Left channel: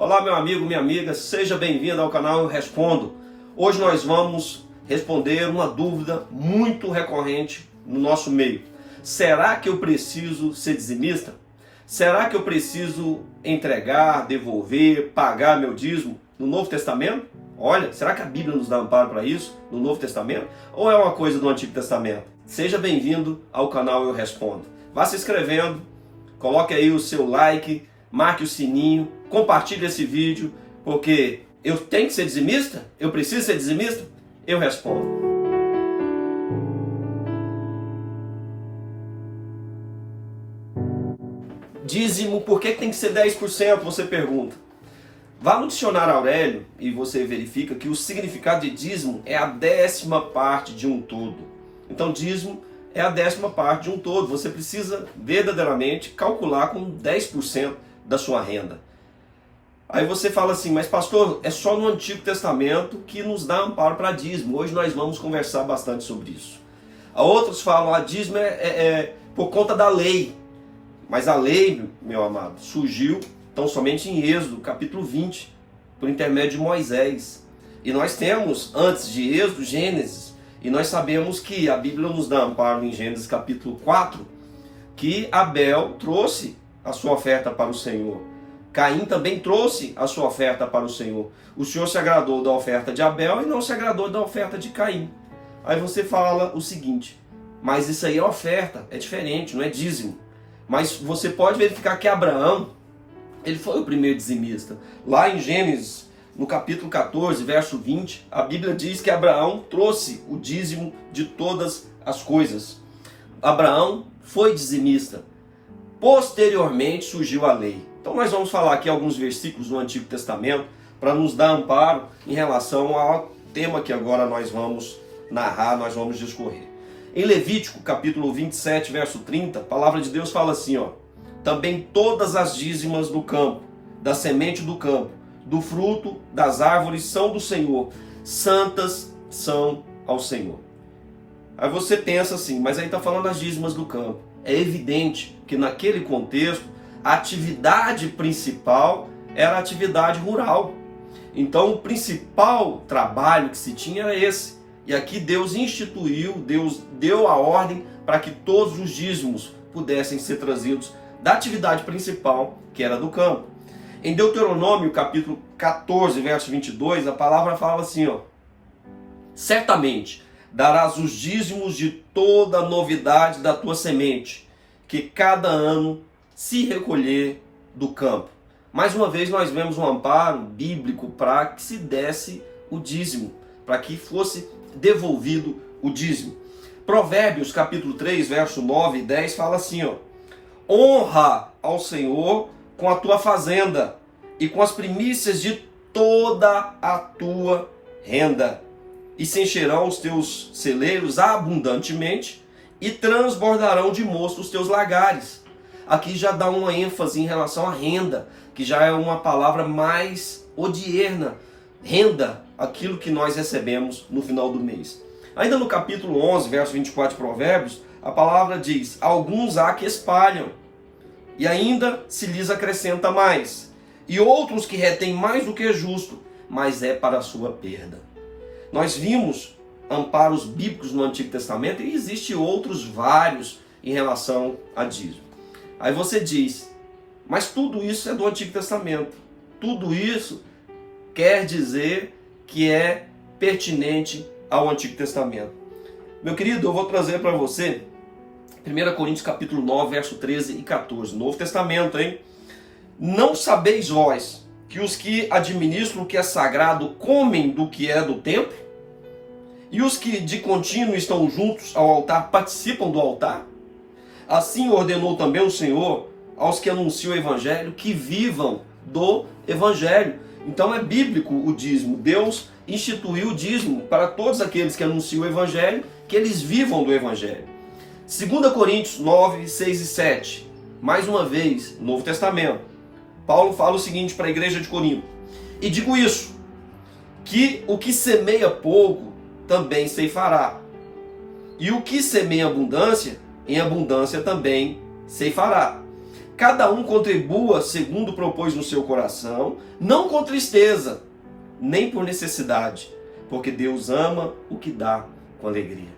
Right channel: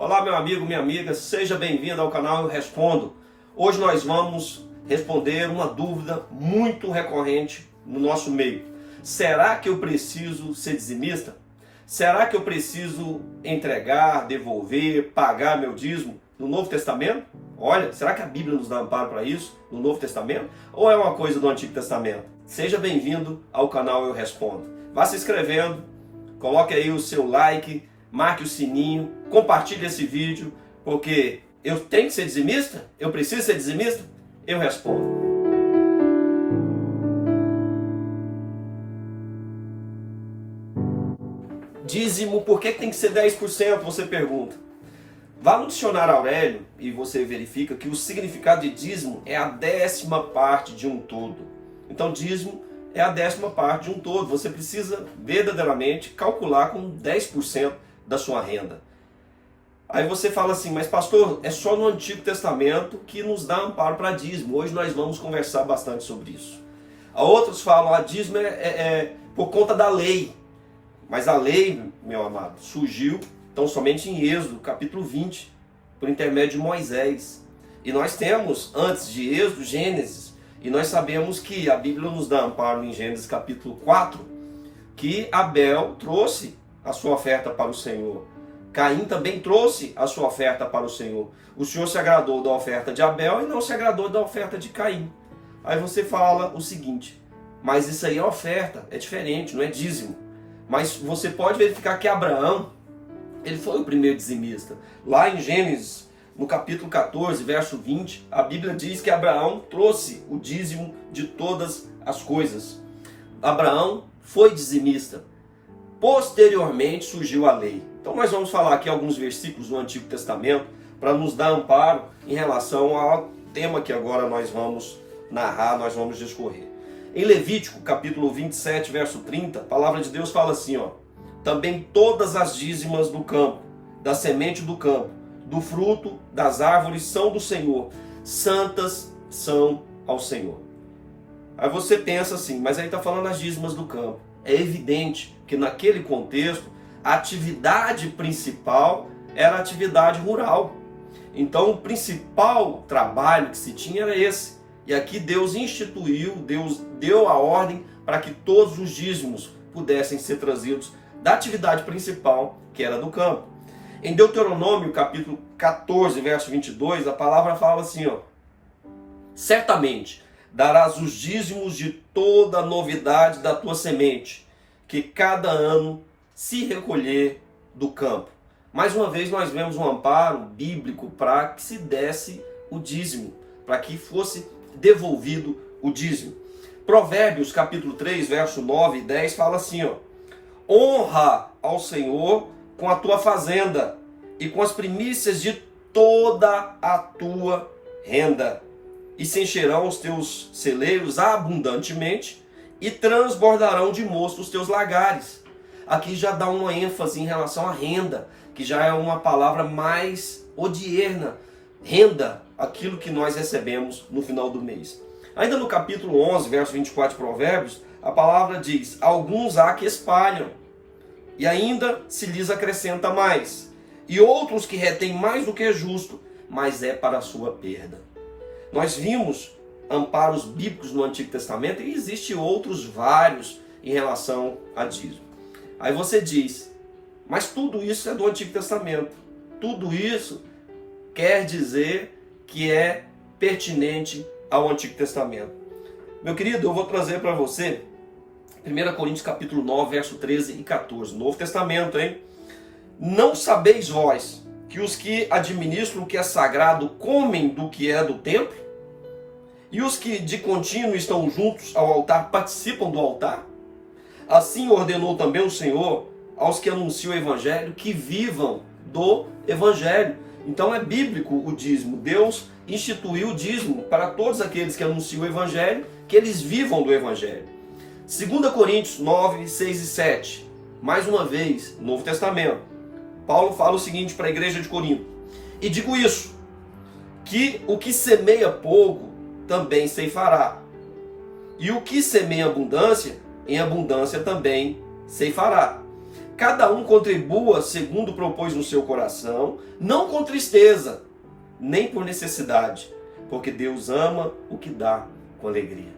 Olá, meu amigo, minha amiga, seja bem-vindo ao canal Eu Respondo. Hoje nós vamos responder uma dúvida muito recorrente no nosso meio. Será que eu preciso ser dizimista? Será que eu preciso entregar, devolver, pagar meu dízimo no Novo Testamento? Olha, será que a Bíblia nos dá amparo para isso no Novo Testamento? Ou é uma coisa do Antigo Testamento? Seja bem-vindo ao canal Eu Respondo. Vá se inscrevendo, coloque aí o seu like, marque o sininho, compartilhe esse vídeo, porque eu tenho que ser dizimista? Eu preciso ser dizimista? Eu respondo. Dízimo, por que tem que ser 10%? Você pergunta. Vá no dicionário Aurélio e você verifica que o significado de dízimo é a 10ª parte de um todo. Então dízimo é a 10ª parte de um todo. Você precisa verdadeiramente calcular com 10% da sua renda. Aí você fala assim, mas pastor, é só no Antigo Testamento que nos dá amparo para dízimo. Hoje nós vamos conversar bastante sobre isso. Outros falam, a dízimo é por conta da lei. Mas a lei, meu amado, surgiu tão somente em Êxodo, capítulo 20, por intermédio de Moisés. E nós temos, antes de Êxodo, Gênesis. E nós sabemos que a Bíblia nos dá amparo em Gênesis capítulo 4, que Abel trouxe a sua oferta para o Senhor. Caim também trouxe a sua oferta para o Senhor. O Senhor se agradou da oferta de Abel e não se agradou da oferta de Caim. Aí você fala o seguinte, mas isso aí é oferta, é diferente, não é dízimo. Mas você pode verificar que Abraão, ele foi o primeiro dizimista. Lá em Gênesis, no capítulo 14, verso 20, a Bíblia diz que Abraão trouxe o dízimo de todas as coisas. Abraão foi dizimista. Posteriormente surgiu a lei. Então nós vamos falar aqui alguns versículos do Antigo Testamento para nos dar amparo em relação ao tema que agora nós vamos narrar, nós vamos discorrer. Em Levítico, capítulo 27, verso 30, a palavra de Deus fala assim, também todas as dízimas do campo, da semente do campo, do fruto das árvores são do Senhor, santas são ao Senhor. Aí você pensa assim, mas aí está falando das dízimas do campo. É evidente que naquele contexto, a atividade principal era a atividade rural. Então o principal trabalho que se tinha era esse. E aqui Deus instituiu, Deus deu a ordem para que todos os dízimos pudessem ser trazidos da atividade principal, que era do campo. Em Deuteronômio, capítulo 14, verso 22, a palavra fala assim, certamente darás os dízimos de toda a novidade da tua semente, que cada ano se recolher do campo. Mais uma vez nós vemos um amparo bíblico para que se desse o dízimo, para que fosse devolvido o dízimo. Provérbios capítulo 3, verso 9 e 10 fala assim, honra ao Senhor com a tua fazenda e com as primícias de toda a tua renda. E se encherão os teus celeiros abundantemente e transbordarão de mosto os teus lagares. Aqui já dá uma ênfase em relação à renda, que já é uma palavra mais odierna. Renda, aquilo que nós recebemos no final do mês. Ainda no capítulo 11, verso 24 de Provérbios, a palavra diz, alguns há que espalham, e ainda se lhes acrescenta mais, e outros que retêm mais do que é justo, mas é para a sua perda. Nós vimos amparos bíblicos no Antigo Testamento e existem outros vários em relação a dízimo. Aí você diz, mas tudo isso é do Antigo Testamento. Tudo isso quer dizer que é pertinente ao Antigo Testamento. Meu querido, eu vou trazer para você 1 Coríntios capítulo 9, verso 13 e 14. Novo Testamento, hein? Não sabeis vós que os que administram o que é sagrado comem do que é do templo? E os que de contínuo estão juntos ao altar participam do altar? Assim ordenou também o Senhor aos que anunciam o Evangelho que vivam do Evangelho. Então é bíblico o dízimo. Deus instituiu o dízimo para todos aqueles que anunciam o Evangelho, que eles vivam do Evangelho. 2 Coríntios 9, 6 e 7. Mais uma vez, Novo Testamento. Paulo fala o seguinte para a igreja de Corinto. E digo isso, que o que semeia pouco também ceifará. E o que semeia abundância, em abundância também ceifará. cada um contribua segundo propôs no seu coração, não com tristeza, nem por necessidade, porque Deus ama o que dá com alegria.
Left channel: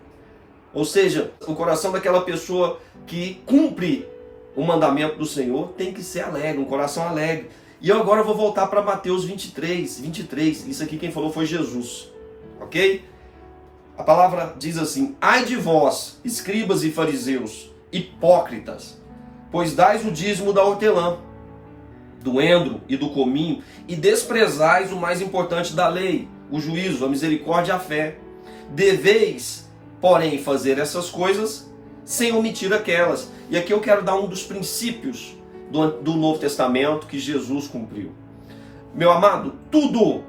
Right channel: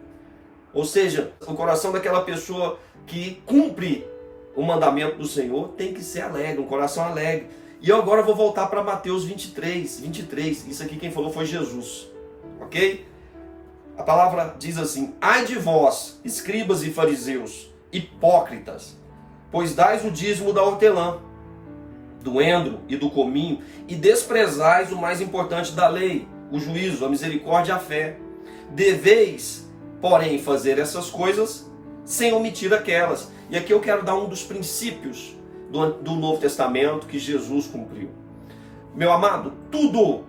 Ou seja, o coração daquela pessoa que cumpre o mandamento do Senhor tem que ser alegre, um coração alegre. E eu agora vou voltar para Mateus 23. Isso aqui quem falou foi Jesus, ok? A palavra diz assim: ai de vós, escribas e fariseus, hipócritas, pois dais o dízimo da hortelã, do endro e do cominho, e desprezais o mais importante da lei, o juízo, a misericórdia e a fé. Deveis, porém, fazer essas coisas sem omitir aquelas. E aqui eu quero dar um dos princípios do Novo Testamento que Jesus cumpriu. Meu amado, tudo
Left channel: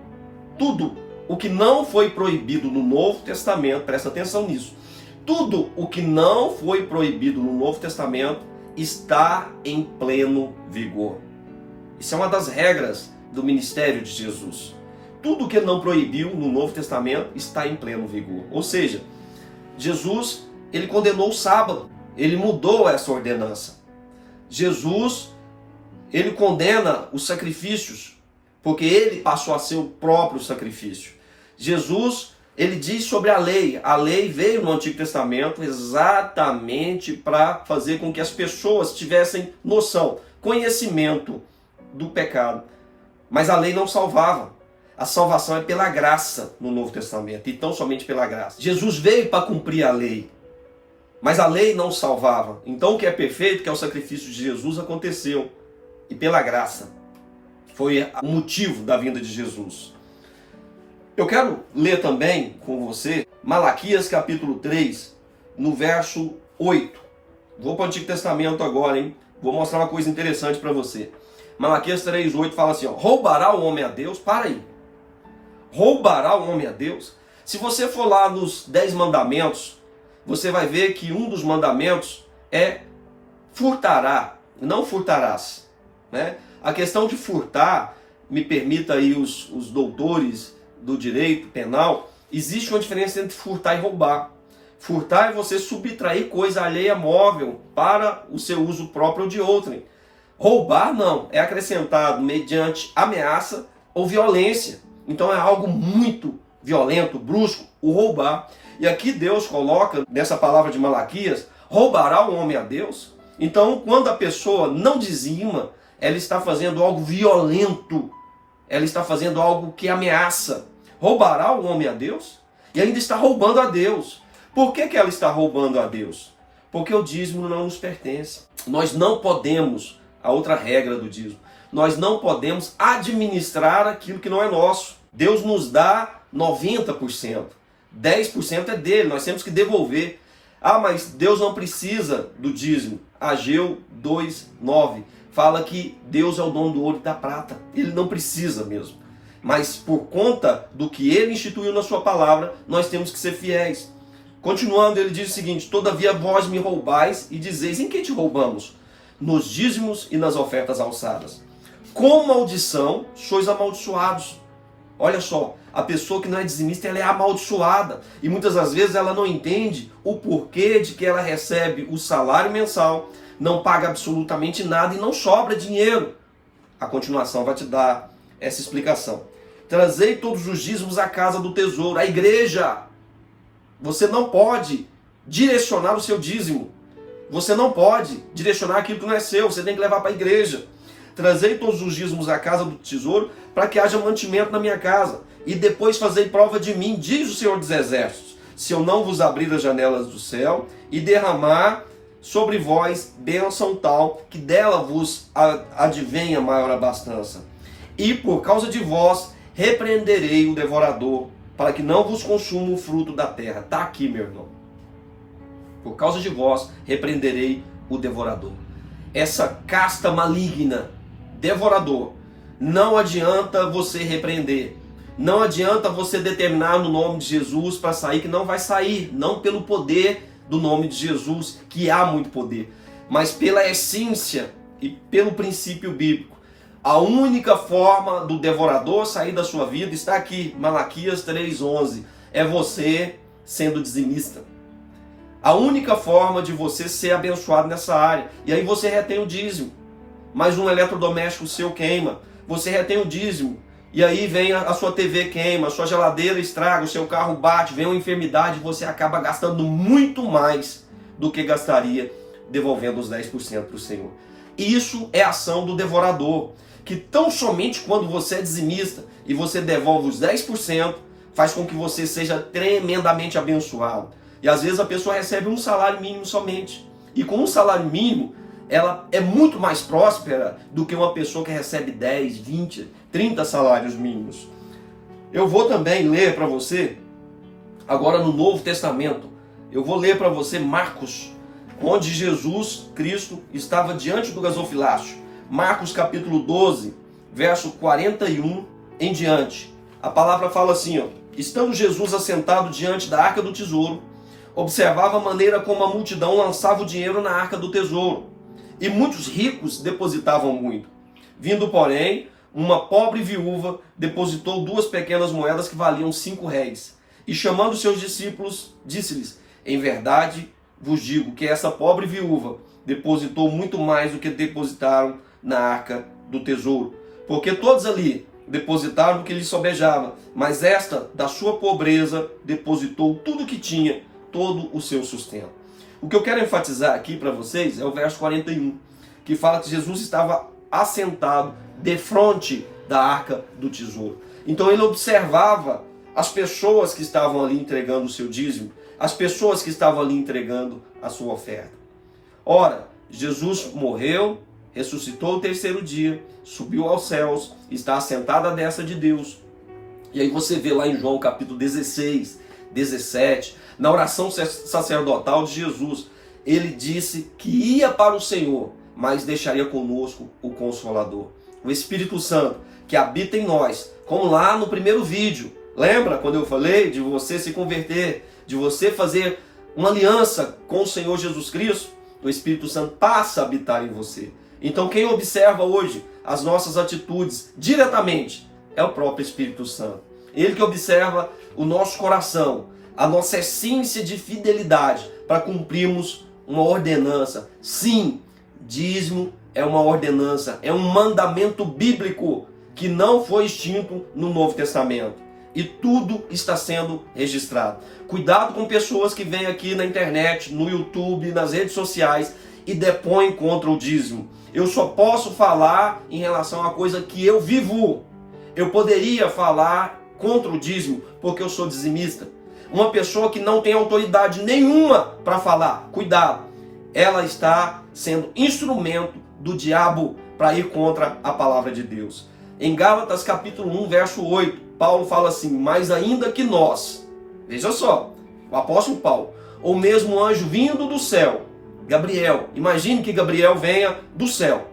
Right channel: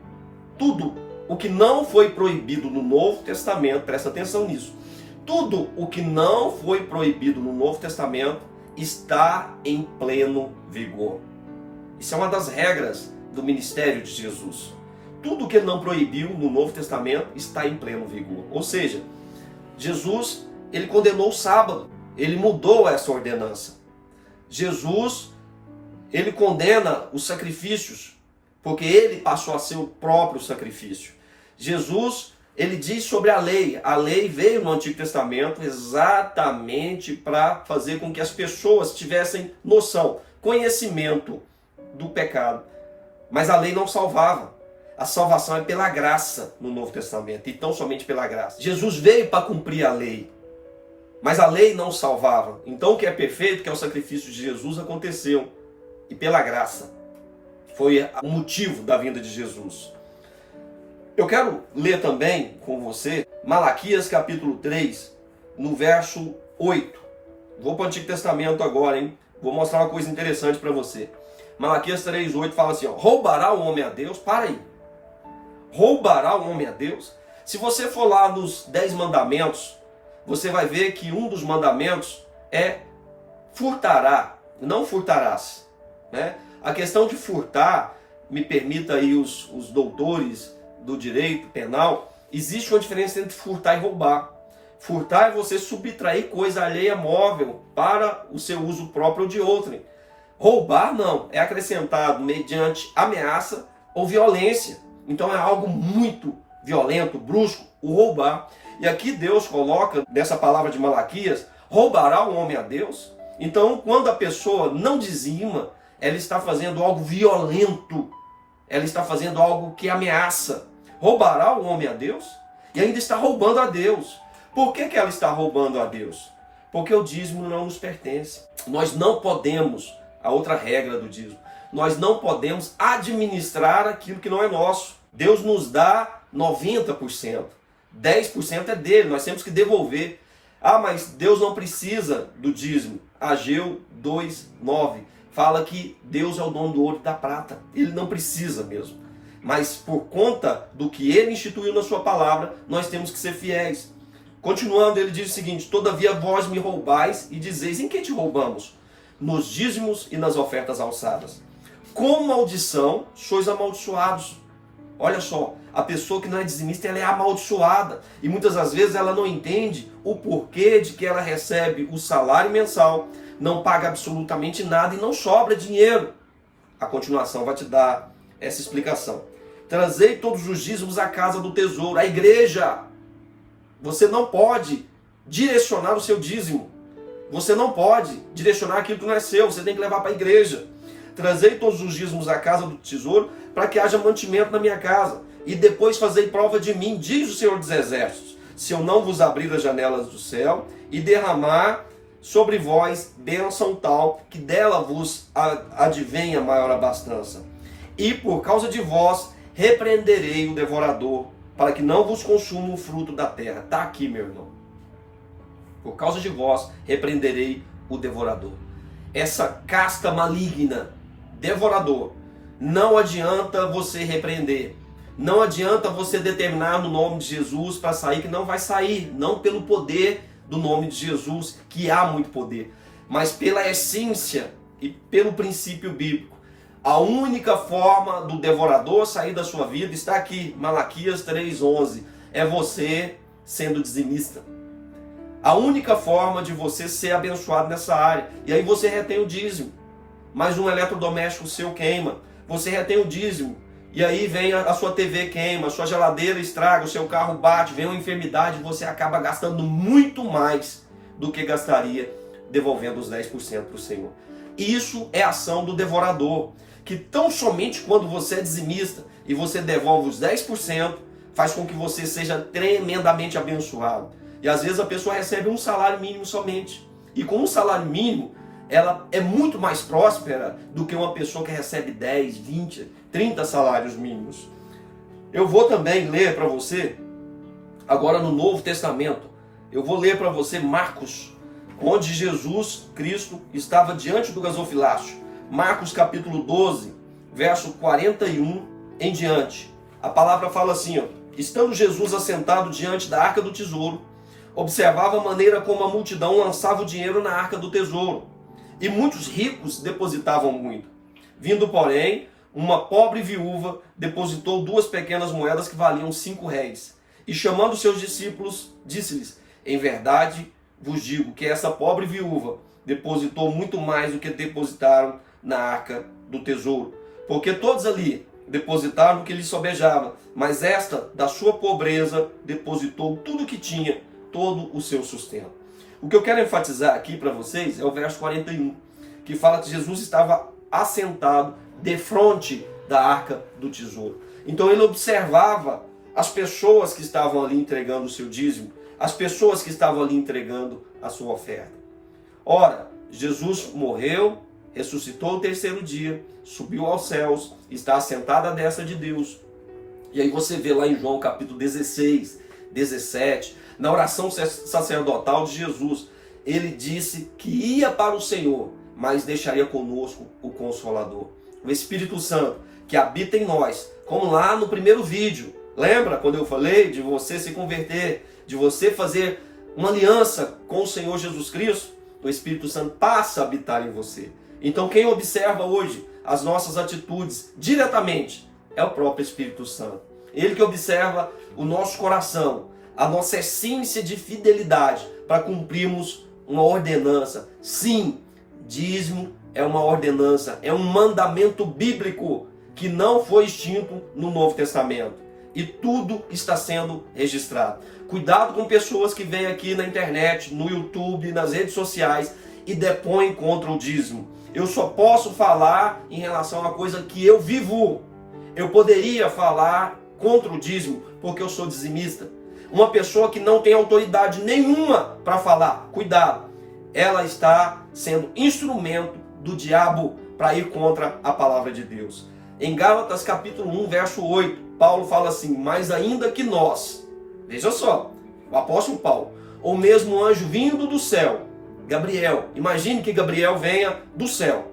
o que não foi proibido no Novo Testamento, presta atenção nisso, tudo o que não foi proibido no Novo Testamento está em pleno vigor. Isso é uma das regras do ministério de Jesus. Tudo o que ele não proibiu no Novo Testamento está em pleno vigor. Ou seja, Jesus, ele condenou o sábado, ele mudou essa ordenança. Jesus, ele condena os sacrifícios, porque ele passou a ser o próprio sacrifício. Jesus, ele diz sobre a lei veio no Antigo Testamento exatamente para fazer com que as pessoas tivessem noção, conhecimento do pecado. Mas a lei não salvava. A salvação é pela graça no Novo Testamento, e tão somente pela graça. Jesus veio para cumprir a lei, mas a lei não salvava. Então o que é perfeito, que é o sacrifício de Jesus, aconteceu. E pela graça. Foi o motivo da vinda de Jesus. Eu quero ler também com você Malaquias capítulo 3, no verso 8. Vou para o Antigo Testamento agora, hein? Vou mostrar uma coisa interessante para você. Malaquias 3, 8 fala assim, ó, roubará o homem a Deus? Para aí. Roubará o homem a Deus? Se você for lá nos 10 mandamentos, você vai ver que um dos mandamentos é furtará, não furtarás. Né? A questão de furtar, me permita aí os doutores do direito penal, existe uma diferença entre furtar e roubar. Furtar é você subtrair coisa alheia móvel para o seu uso próprio ou de outrem. Roubar não, é acrescentado mediante ameaça ou violência. Então é algo muito violento, brusco, o roubar. E aqui Deus coloca, nessa palavra de Malaquias, roubará o homem a Deus? Então quando a pessoa não dizima, ela está fazendo algo violento, ela está fazendo algo que ameaça. Roubará o homem a Deus? E ainda está roubando a Deus. Por que ela está roubando a Deus? Porque o dízimo não nos pertence. Nós não podemos, a outra regra do dízimo, nós não podemos administrar aquilo que não é nosso. Deus nos dá 90%. 10% é dele, nós temos que devolver. Ah, mas Deus não precisa do dízimo. Ageu 2:9 fala que Deus é o dono do ouro e da prata. Ele não precisa mesmo. Mas por conta do que ele instituiu na sua palavra, nós temos que ser fiéis. Continuando, ele diz o seguinte: todavia vós me roubais e dizeis, em que te roubamos? Nos dízimos e nas ofertas alçadas. Com maldição sois amaldiçoados. Olha só, a pessoa que não é dizimista, ela é amaldiçoada. E muitas das vezes ela não entende o porquê de que ela recebe o salário mensal, não paga absolutamente nada e não sobra dinheiro. A continuação vai te dar essa explicação. Trazei todos os dízimos à casa do tesouro, à igreja. Você não pode direcionar o seu dízimo. Você não pode direcionar aquilo que não é seu. Você tem que levar para a igreja. Trazei todos os dízimos à casa do tesouro, para que haja mantimento na minha casa. E depois fazei prova de mim, diz o Senhor dos Exércitos, se eu não vos abrir as janelas do céu e derramar sobre vós bênção tal, que dela vos advenha maior abastança. E por causa de vós repreenderei o devorador, para que não vos consuma o fruto da terra. Está aqui, meu irmão. Por causa de vós repreenderei o devorador. Essa casta maligna, devorador, não adianta você repreender. Não adianta você determinar no nome de Jesus para sair, que não vai sair. Não pelo poder do nome de Jesus, que há muito poder, mas pela essência e pelo princípio bíblico. A única forma do devorador sair da sua vida está aqui, Malaquias 3:11. É você sendo dizimista. A única forma de você ser abençoado nessa área. E aí você retém o dízimo. mas um eletrodoméstico seu queima, você retém o dízimo, e aí vem a sua TV queima, a sua geladeira estraga, o seu carro bate, vem uma enfermidade, você acaba gastando muito mais do que gastaria devolvendo os 10% para o Senhor. Isso é ação do devorador, que tão somente quando você é dizimista e você devolve os 10%, faz com que você seja tremendamente abençoado. E às vezes a pessoa recebe um salário mínimo somente. E com um salário mínimo, ela é muito mais próspera do que uma pessoa que recebe 10, 20, 30 salários mínimos. Eu vou também ler para você, agora no Novo Testamento, eu vou ler para você Marcos, onde Jesus Cristo estava diante do gasofilácio. Marcos capítulo 12, verso 41 em diante. A palavra fala assim, ó: estando Jesus assentado diante da arca do tesouro, observava a maneira como a multidão lançava o dinheiro na arca do tesouro, e muitos ricos depositavam muito. Vindo, porém, uma pobre viúva depositou 2 pequenas moedas que valiam 5 réis. E chamando seus discípulos, disse-lhes: em verdade vos digo que essa pobre viúva depositou muito mais do que depositaram na arca do tesouro. Porque todos ali depositaram o que lhes sobejava, mas esta, da sua pobreza, depositou tudo o que tinha, todo o seu sustento. O que eu quero enfatizar aqui para vocês é o verso 41, que fala que Jesus estava assentado defronte da arca do tesouro. Então ele observava as pessoas que estavam ali entregando o seu dízimo, as pessoas que estavam ali entregando a sua oferta. Ora, Jesus morreu, ressuscitou o 3º dia, subiu aos céus, está assentado à destra de Deus. E aí você vê lá em João capítulo 16, 17, na oração sacerdotal de Jesus, ele disse que ia para o Senhor, mas deixaria conosco o Consolador, o Espírito Santo, que habita em nós, como lá no primeiro vídeo. Lembra quando eu falei de você se converter, de você fazer uma aliança com o Senhor Jesus Cristo? O Espírito Santo passa a habitar em você. Então quem observa hoje as nossas atitudes diretamente é o próprio Espírito Santo. Ele que observa o nosso coração, a nossa essência de fidelidade para cumprirmos uma ordenança. Sim, dízimo é uma ordenança, é um mandamento bíblico que não foi extinto no Novo Testamento. E tudo está sendo registrado. Cuidado com pessoas que vêm aqui na internet, no YouTube, nas redes sociais e depõem contra o dízimo. Eu só posso falar em relação a coisa que eu vivo. Eu poderia falar contra o dízimo porque eu sou dizimista. Uma pessoa que não tem autoridade nenhuma para falar, cuidado, ela está sendo instrumento do diabo para ir contra a palavra de Deus. Em Gálatas capítulo 1, verso 8, Paulo fala assim: mas ainda que nós, veja só, o apóstolo Paulo, ou mesmo anjo vindo do céu, Gabriel, imagine que Gabriel venha do céu.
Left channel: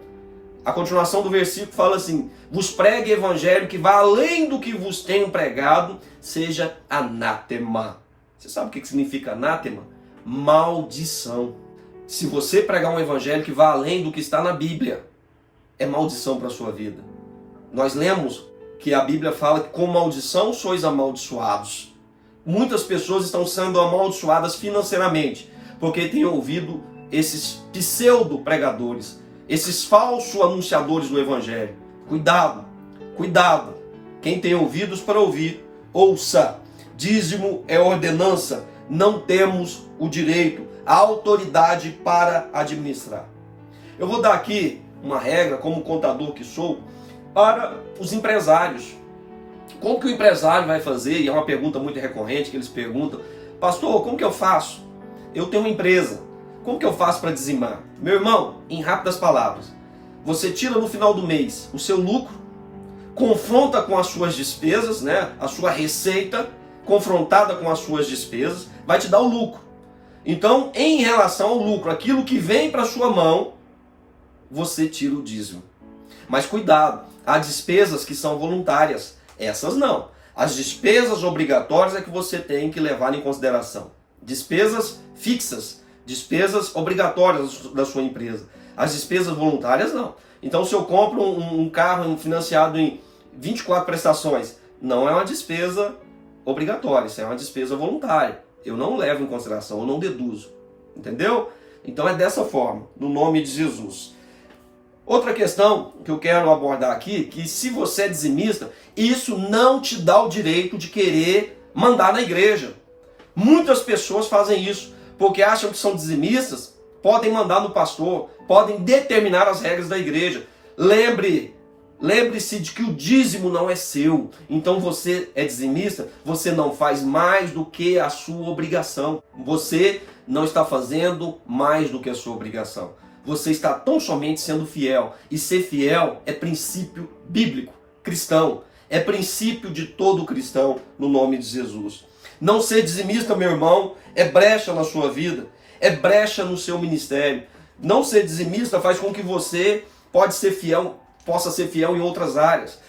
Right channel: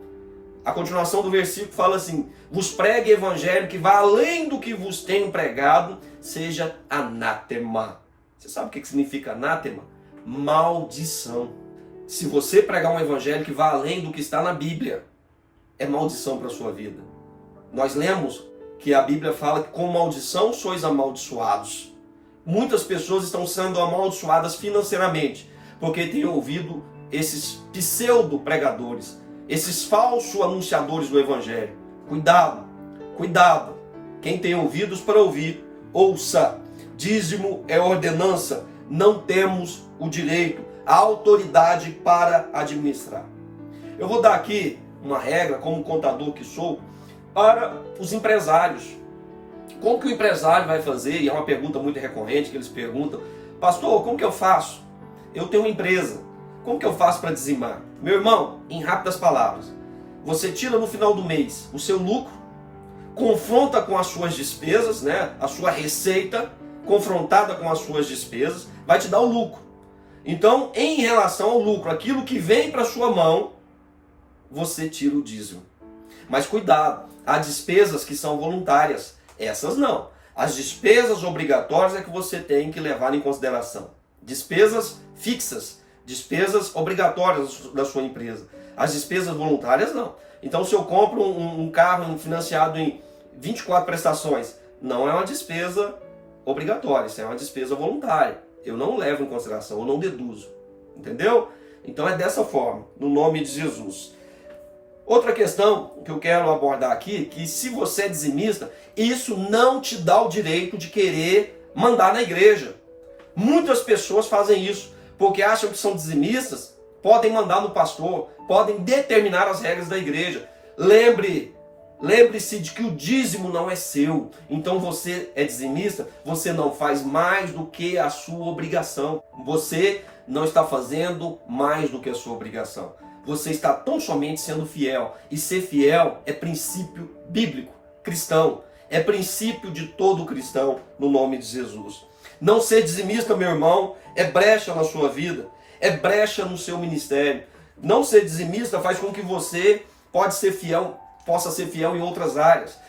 A continuação do versículo fala assim: vos pregue evangelho que vá além do que vos tenho pregado, seja anátema. Você sabe o que significa anátema? Maldição. Se você pregar um evangelho que vá além do que está na Bíblia, é maldição para a sua vida. Nós lemos que a Bíblia fala que com maldição sois amaldiçoados. Muitas pessoas estão sendo amaldiçoadas financeiramente, porque têm ouvido esses pseudo-pregadores, esses falsos anunciadores do Evangelho. Cuidado, cuidado. Quem tem ouvidos para ouvir, ouça. Dízimo é ordenança. Não temos o direito, a autoridade para administrar. Eu vou dar aqui uma regra, como contador que sou, para os empresários. Como que o empresário vai fazer? E é uma pergunta muito recorrente que eles perguntam: pastor, como que eu faço? Eu tenho uma empresa. Como que eu faço para dizimar? Meu irmão, em rápidas palavras, você tira no final do mês o seu lucro, confronta com as suas despesas, né? A sua receita confrontada com as suas despesas vai te dar o lucro. Então, em relação ao lucro, aquilo que vem para sua mão, você tira o dízimo. Mas cuidado, há despesas que são voluntárias, essas não. As despesas obrigatórias é que você tem que levar em consideração. Despesas fixas, despesas obrigatórias da sua empresa. As despesas voluntárias não. Então, se eu compro um carro financiado em 24 prestações, não é uma despesa obrigatória, isso é uma despesa voluntária. Eu não levo em consideração, eu não deduzo. Entendeu? Então é dessa forma, no nome de Jesus. Outra questão que eu quero abordar aqui, que se você é dizimista, isso não te dá o direito de querer mandar na igreja. Muitas pessoas fazem isso, porque acham que são dizimistas, podem mandar no pastor, podem determinar as regras da igreja. Lembre-se de que o dízimo não é seu. Então você é dizimista, você não faz mais do que a sua obrigação. Você não está fazendo mais do que a sua obrigação. Você está tão somente sendo fiel. E ser fiel é princípio bíblico, cristão. É princípio de todo cristão, no nome de Jesus. Não ser dizimista, meu irmão, é brecha na sua vida. É brecha no seu ministério. Não ser dizimista faz com que você possa ser fiel em outras áreas.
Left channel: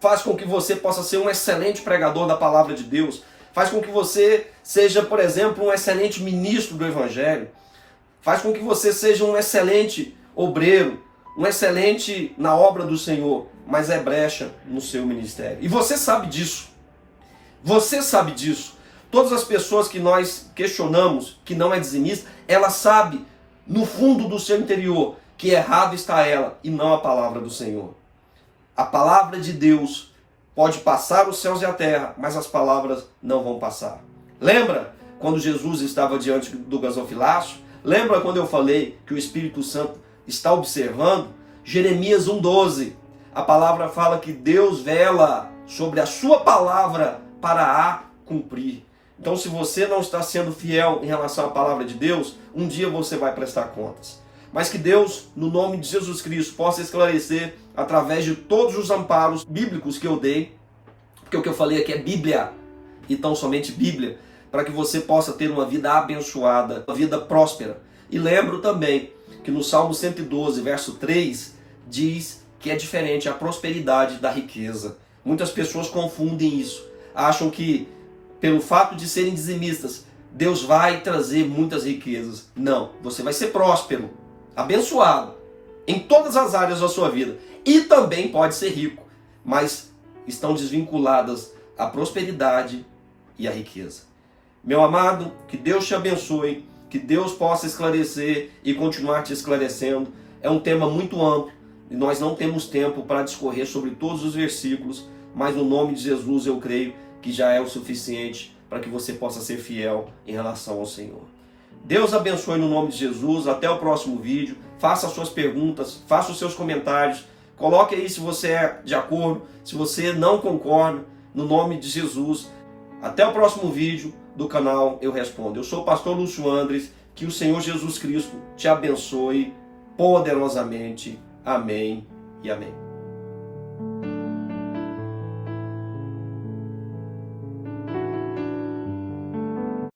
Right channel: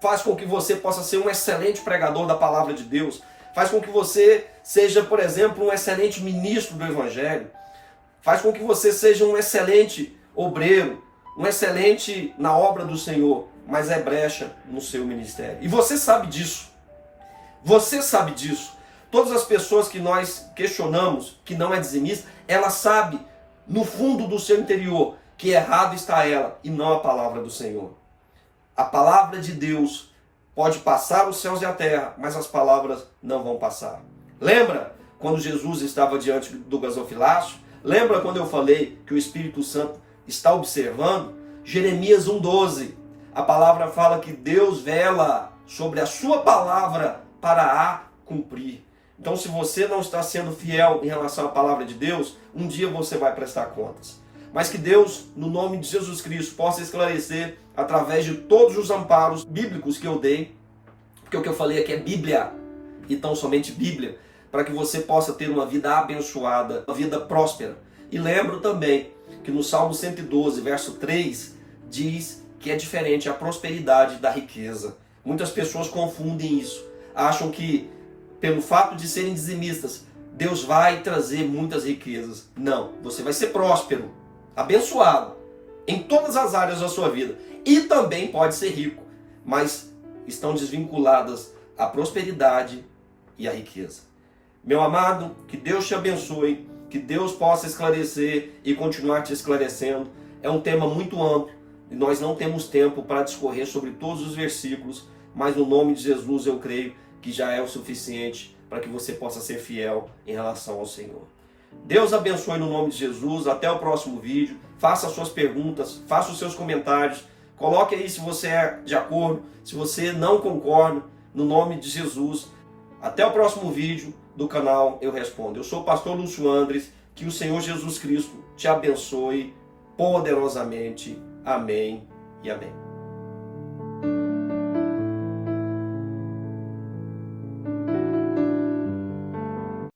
Faz com que você possa ser um excelente pregador da palavra de Deus. Faz com que você seja, por exemplo, um excelente ministro do Evangelho. Faz com que você seja um excelente obreiro, um excelente na obra do Senhor, mas é brecha no seu ministério. E você sabe disso. Você sabe disso. Todas as pessoas que nós questionamos, que não é dizimista, ela sabe no fundo do seu interior que errado está ela e não a palavra do Senhor. A palavra de Deus pode passar os céus e a terra, mas as palavras não vão passar. Lembra quando Jesus estava diante do gasofilácio? Lembra quando eu falei que o Espírito Santo está observando? Jeremias 1,12. A palavra fala que Deus vela sobre a sua palavra para a cumprir. Então, se você não está sendo fiel em relação à palavra de Deus, um dia você vai prestar contas. Mas que Deus, no nome de Jesus Cristo, possa esclarecer através de todos os amparos bíblicos que eu dei, porque o que eu falei aqui é Bíblia, e tão somente Bíblia, para que você possa ter uma vida abençoada, uma vida próspera. E lembro também que no Salmo 112, verso 3, diz que é diferente a prosperidade da riqueza. Muitas pessoas confundem isso. Acham que, pelo fato de serem dizimistas, Deus vai trazer muitas riquezas. Não, você vai ser próspero, abençoado, em todas as áreas da sua vida. E também pode ser rico, mas estão desvinculadas a prosperidade e a riqueza. Meu amado, que Deus te abençoe, que Deus possa esclarecer e continuar te esclarecendo. É um tema muito amplo e nós não temos tempo para discorrer sobre todos os versículos, mas no nome de Jesus eu creio que já é o suficiente para que você possa ser fiel em relação ao Senhor. Deus abençoe no nome de Jesus. Até o próximo vídeo. Faça as suas perguntas, faça os seus comentários. Coloque aí se você é de acordo, se você não concorda, no nome de Jesus. Até o próximo vídeo do canal Eu Respondo. Eu sou o pastor Lúcio Andres. Que o Senhor Jesus Cristo te abençoe poderosamente. Amém e amém.